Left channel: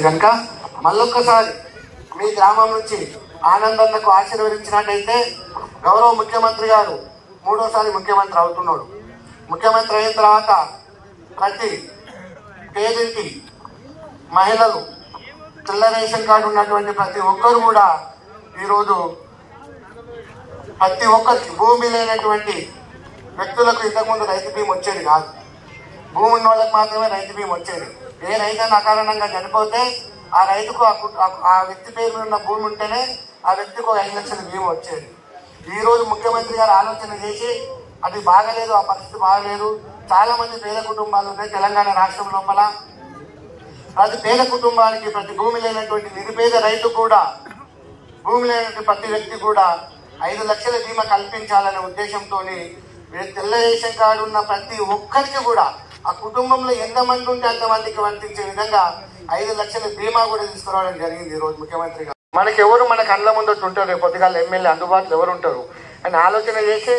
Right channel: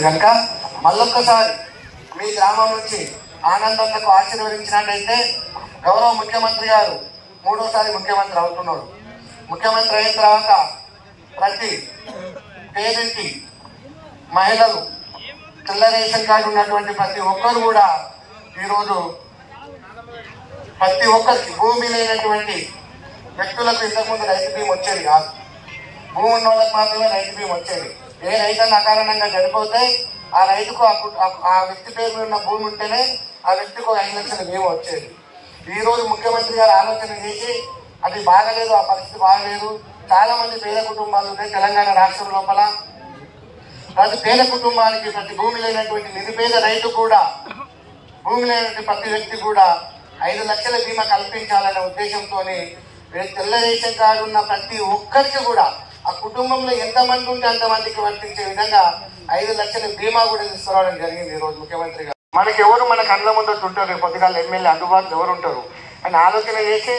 ఆశీర్వదించారు కనుక మళ్ళొక్కసారి మీ గ్రామం నుంచి ఆనందన్నకు ఆశీర్వదించినట్టయితే గౌరవ ముఖ్యమంత్రి గారు మూడోసారి ముఖ్యమంత్రి అవుతున్నాడు. ముఖ్యమంత్రి అయిన తర్వాత ప్రతి పేదింటి మహిళలు తెల్ల రేషన్ కార్డు ఉన్నటువంటి ప్రతి ఒక్కరు కూడా ఈరోజు ప్రతి ఒక్కరికి భూమి లేనటువంటి వ్యక్తులకు ఇంతకుముందు రైతు బీమా వచ్చేది కాదు. భూమి ఉన్న వాళ్ళకి మాత్రమే రైతు బీమా వచ్చేది. ఏ రైతు అకారణంగా చనిపోతే ఆ రైతుకు ఆ వ్యక్తి పేరు ఉన్న భూమి ఉంటేనే ఆ వ్యక్తికి 5 లక్షల బీమా వచ్చేది. ఈ రోజు ముఖ్యమంత్రి గారు ఆలోచన చేసి అది బాగలేదు, ఆ పరిస్థితి బాగలేదు. చాలా మంది పేద కుటుంబాలు ఉన్నాయి తెలంగాణ రాష్ట్రం లోపల. ప్రతి పేద కుటుంబానికి ప్రతి భూమి లేనటువంటి నిరుపేద రైతు కూడా భూమి లేనటువంటి ప్రతి వ్యక్తి కూడా 5 లక్షల బీమా కల్పించాలనే ఉద్దేశంతో తెల్ల రేషన్ కార్డు ఉన్న ప్రతి ఒక్కరికి కూడా ఆ కుటుంబంలో ఎంతమంది ఉంటే అంతమందికి వర్తించే విధంగా 5 లక్షల బీమా కూడా తీసుకురావడం జరిగింది ఈ రోజు ముఖ్యమంత్రి గారు. మనకెవరు మన కళ్ళ ముందు ఉంటారు, రేపు పొద్దుగాల ఎమ్మెల్యే అందుబాటులో ఎవరు ఉంటారు అని ఆలోచన చేసి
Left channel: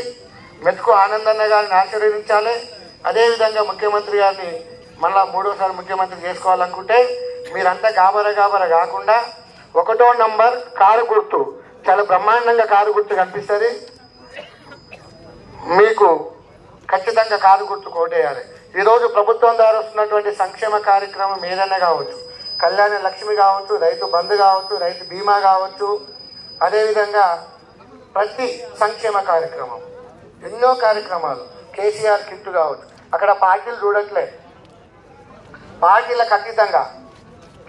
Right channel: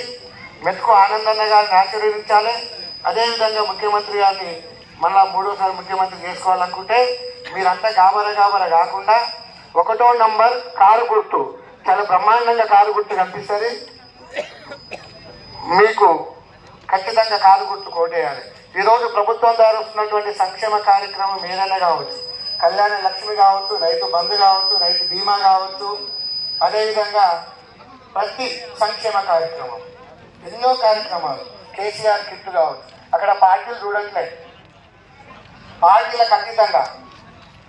మెతుకు ఆనందన్న గారిని ఆశీర్వదించాలి. అదేవిధంగా ముఖ్యమంత్రి గారిని మళ్ళా మూడోసారి ముఖ్యమంత్రి చేసుకోవాలనుకుంటే మీరంతా గాబర కాకుండా 1వ నంబర్ కారు గుర్తు, చాలా బ్రహ్మాండంగా కారు గుర్తు కనిపిస్తుంది. మీకు ఖచ్చితంగా కారు గుర్తు కోటేయాలి. ఈరోజు ప్రభుత్వం ద్వారా వస్తున్నటువంటి సంక్షేమ కార్యక్రమం ఏదైనా కావచ్చు, కళ్యాణ లక్ష్మి కావచ్చు, రైతు బంధు కావచ్చు, రైతు బీమా కావచ్చు, అదేవిధంగా ప్రతి సంక్షేమ కార్యక్రమం ఎన్నో కార్యక్రమాలు, కేసీఆర్ కిట్ కావచ్చు. అక్కడ పార్టీలు చూడట్లే, పార్టీలకు అతీతంగా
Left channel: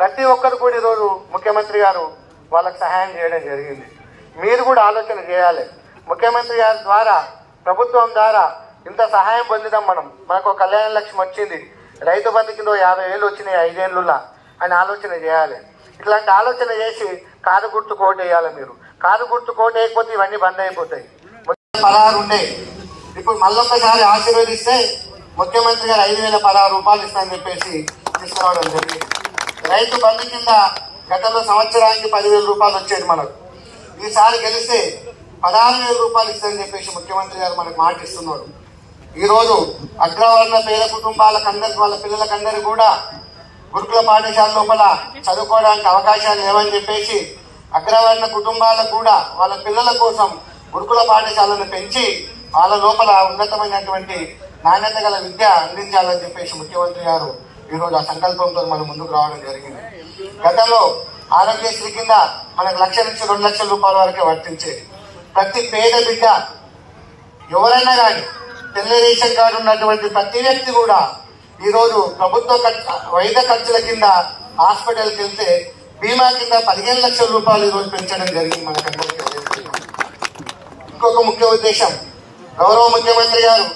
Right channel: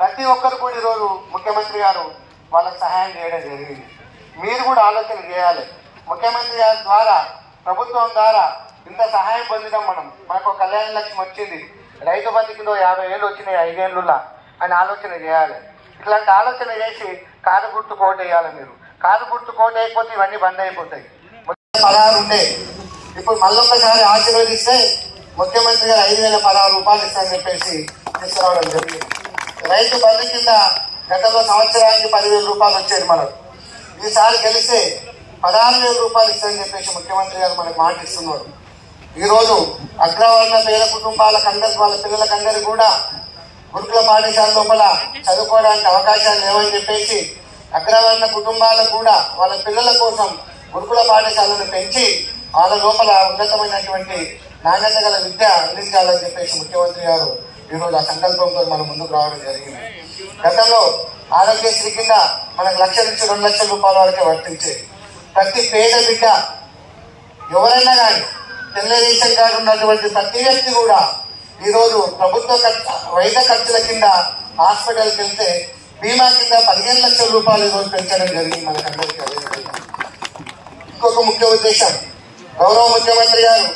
ప్రతి ఒక్కరు కూడా ఈరోజు ముఖ్యమంత్రి గారు వాళ్ళకి సహాయం చేయడం జరిగింది. మీరు కూడా ఆలోచన చేయాలి. ముఖ్యమంత్రి గారి ద్వారా ప్రభుత్వం ద్వారా ఇంత సహాయం పొందినాం మనకు కళ్యాణ లక్ష్మి వచ్చింది, రైతు బంధు కింద 50,000 వచ్చినాయి 5 ఏళ్ళులా అని ఆలోచన చేయాలి. ఇట్లాంటి ఆలోచన చేసి కారు గుర్తు కోట్ వేయాలి. మీరు కారు గుర్తు కోట్ వేయకపోతే ఇవన్నీ బంద్ అయిపోతాయి. 16 ఉండే, ఇప్పుడు మళ్ళొక్కసారి ఆశీర్వదిస్తే ముఖ్యమంత్రి గారు 5,016 రూపాయలు ఇస్తారని చెప్పేసి తీసుకురావడం జరిగింది. రైతు బంధు కింద గతంలో సంవత్సరానికి 10,000 రూపాయలు వచ్చేది మనకు. ఈసారి గెలిస్తే 16,000 రూపాయలు ఇస్తారని చెప్పేసి ముఖ్యమంత్రి గారు మనకు మాట ఇస్తున్నారు. ఈరోజు అగ్రవర్ణ పేద కుటుంబాలకందరికి వాళ్ళ పిల్లలకందరికీ కూడా గురుకుల పాఠశాల లోపల చదువుకోవడానికి అవకాశాలు లేవని చెప్పేసి అగ్రవర్ణ కుటుంబాలకు కూడా వాళ్ళ పిల్లల కోసం గురుకుల పాఠశాలను పెంచి వాళ్ళ లోపల ఉన్నతమైనటువంటి నాణ్యత గల విద్య అందించాలని చెప్పేసి ముఖ్యమంత్రి గారు ఈరోజు ఆ సంకల్పంతో మనం ముందుకు రావడం జరిగింది. గతంలో ఆరోగ్యశ్రీ కింద మనకు 1,00,000 నుంచి 2 లక్షల రూపాయల వరకే వర్తించే ప్రతి పేద బిడ్డ ఎవరైనా కానీ తెల్ల రేషన్ కార్డు ఉన్నటువంటి ప్రతి వ్యక్తి కూడా ఈరోజు ప్రభుత్వ వైద్య ఖర్చుల కింద హాస్పిటల్కి వెళ్తే బీమా కింద 15 లక్షల రూపాయలు ఈరోజు పెంచడం జరిగింది మనకందరికీ. ఇంకొక ముఖ్య ఉద్దేశం, గౌరవ ముఖ్యమంత్రి గారు